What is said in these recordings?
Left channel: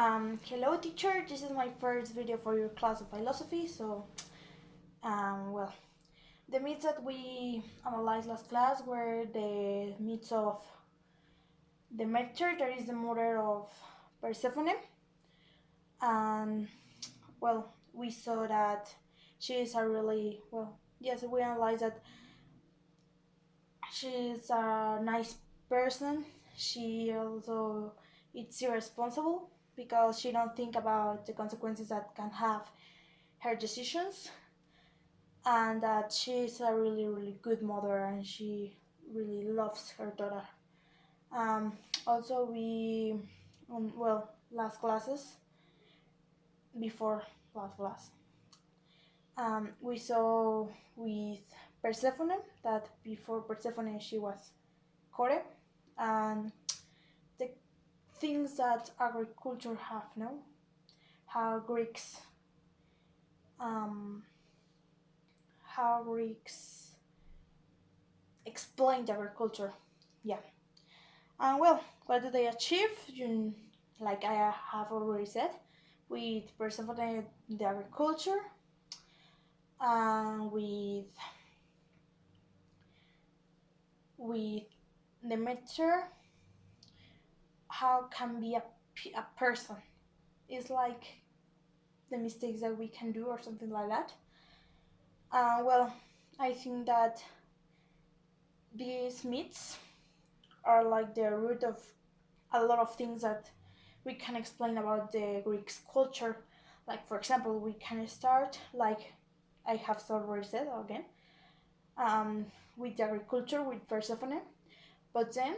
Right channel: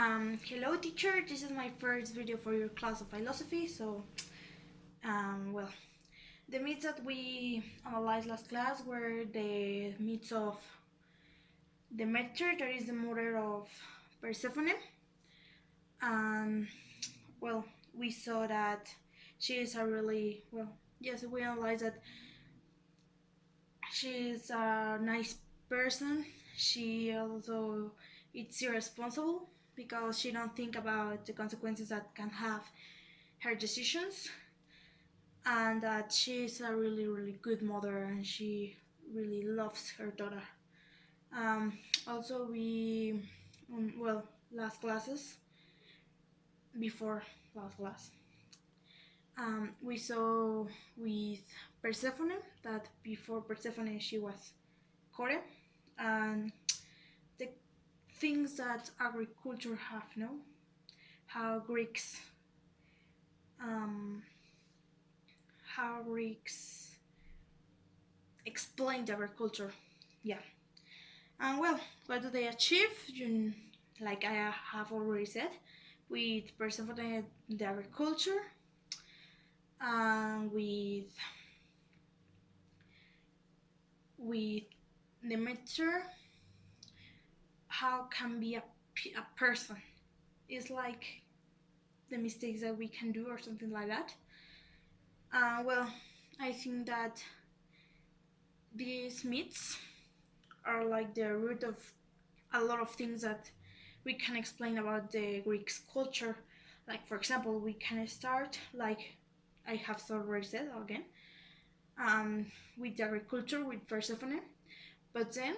Hello teacher, this is my first video for your class of philosophy. Well, the myths that we analyzed last class were the myths of Demeter, that is the mother of Persephone. And well, we saw that she is a really, yes, we analyzed that she is a nice person. She also it's irresponsible because she don't think about the consequences that can have her decisions, and that she is a really good mother and she really loves her daughter. Also, we last classes before last class, we saw with Persephone that before Persephone she was Kore, and the things that agriculture have, no, how Greeks um, how Greeks explained agriculture. Yeah. And what do they achieve? Like I have already said, with Persephone the agriculture, and with Demeter, how can be a person? It's like the mistakes that we can do or something like that. I think that these myths are like the root of a lot of things that we can explain about the Greek culture. Like, for example, we can start, like I have already said again, with the agriculture with Persephone. But then,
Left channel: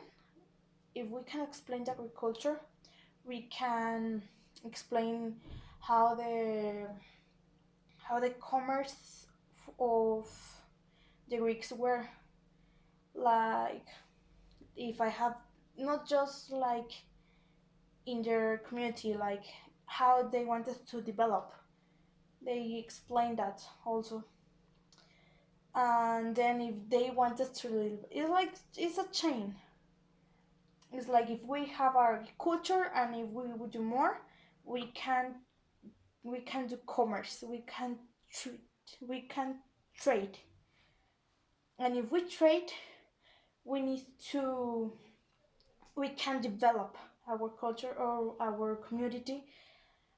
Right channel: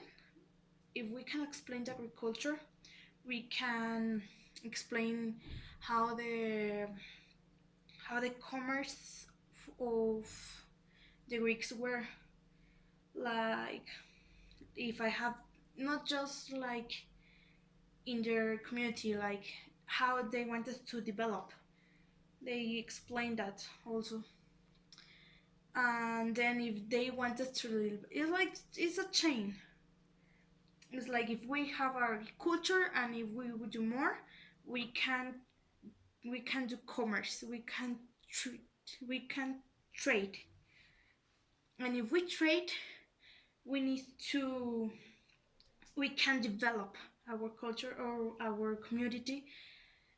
if we can explain the agriculture, we can explain how the commerce of the Greeks were, like, if I have not just like in their community, like how they wanted to develop. They explained that also. And then if they wanted to, it's like it's a chain. It's like if we have our culture and if we would do more, we can we can do commerce. We can trade. And if we trade, we need to we can develop our culture or our community.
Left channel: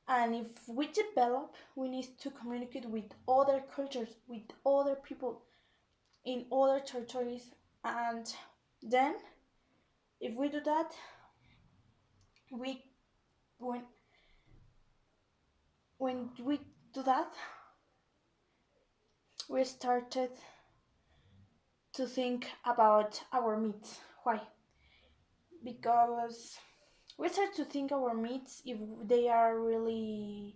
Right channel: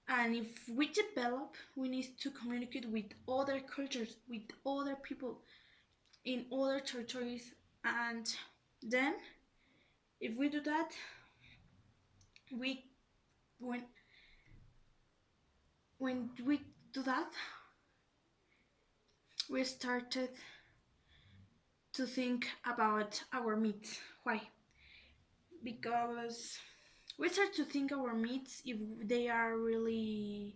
And if we develop, we need to communicate with other cultures, with other people in other territories. And then, if we do that, we when we do that, we started to think about our myths. Why? Because we start to think our myths if they are really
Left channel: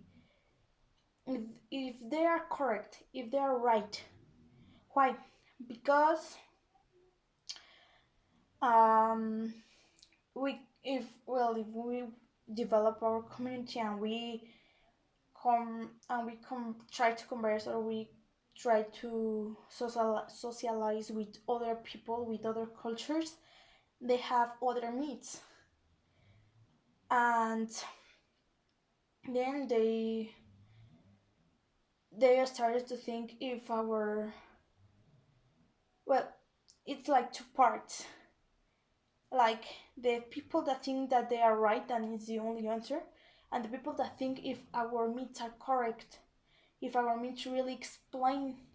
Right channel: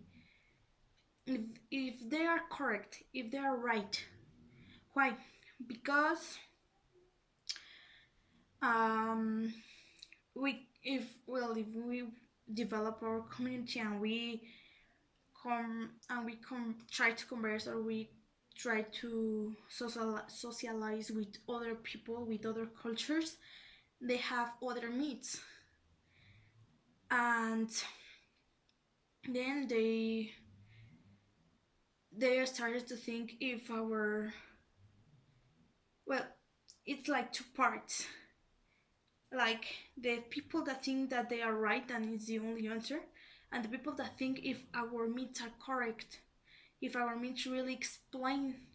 if they are correct, if they are right. Why? Because um if we develop our community and we come try to converse, or we try to socialize with other people, with other cultures, they have other needs. And then they started to think if our well it's like two parts, like the people that think that they are right and it's the only answer, and the people that think if our myths are correct, if our myths really explain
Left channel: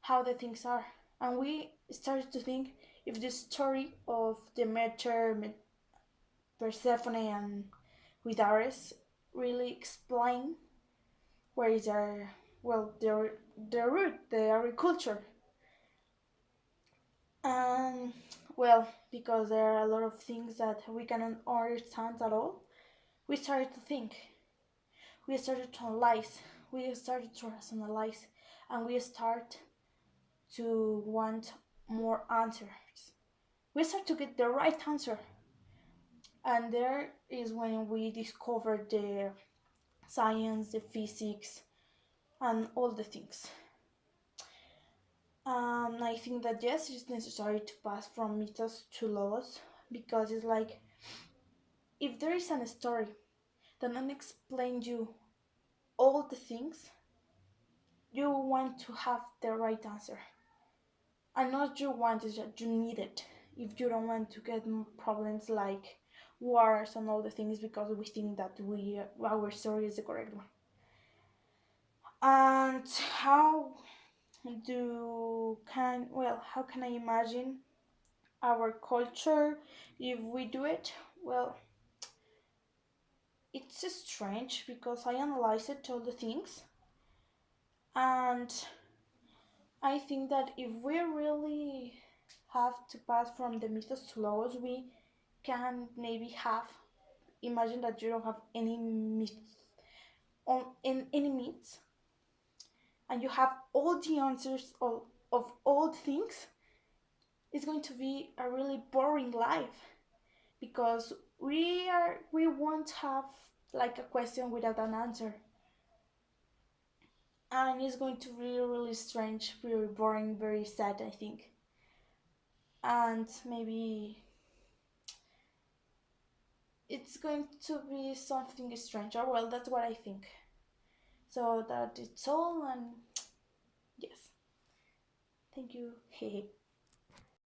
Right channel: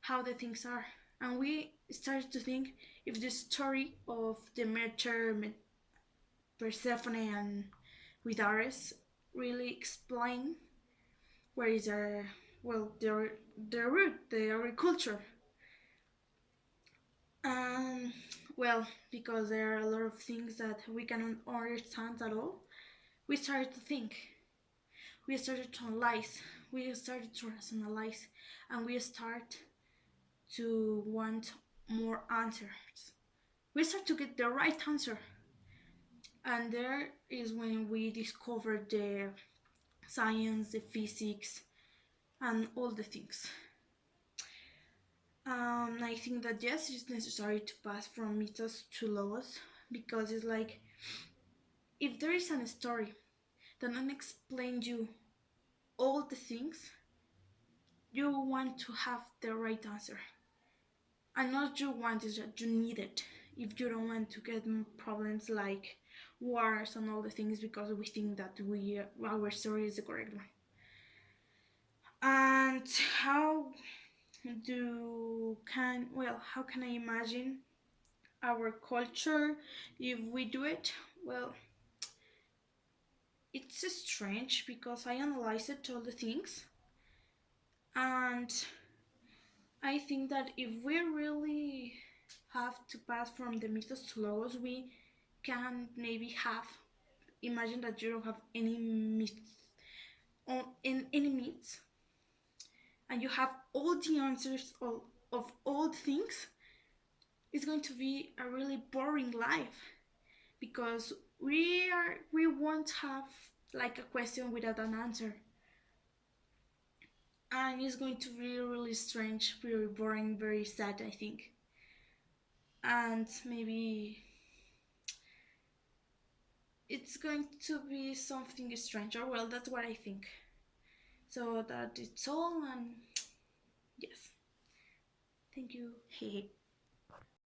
how the things are. And we started to think if the story of Demeter, Persephone, and with Ares really explain where is their root, their agriculture. And because there are a lot of things that we cannot understand at all, we started to think, we started to analyze, we started to rationalize, and we start to want more answers. We start to get the right answer. And there is when we discover the science, the physics, and all the things. I think that yes, it's necessary to pass from mythos to laws, because it's like if there is a story that don't explain you all the things, you want to have the right answer. And not you want, is that you need it. If you don't want to get problems like wars and all the things because we think that our story is the correct one. And how can I imagine our culture if we do it? Well, it's strange because I analyzed all the things, and I think that if we really have to pass from the mythos to logos, we can maybe have imagine that you don't have any myth on in any myths, and you have all the answers of all things. It's going to be a really boring life because we won't have like a question without an answer, and it's going to be really strange, very boring, very sad, I think. And maybe it's going to be something strange, or well, that's what I think. So that it's all, and yes, thank you.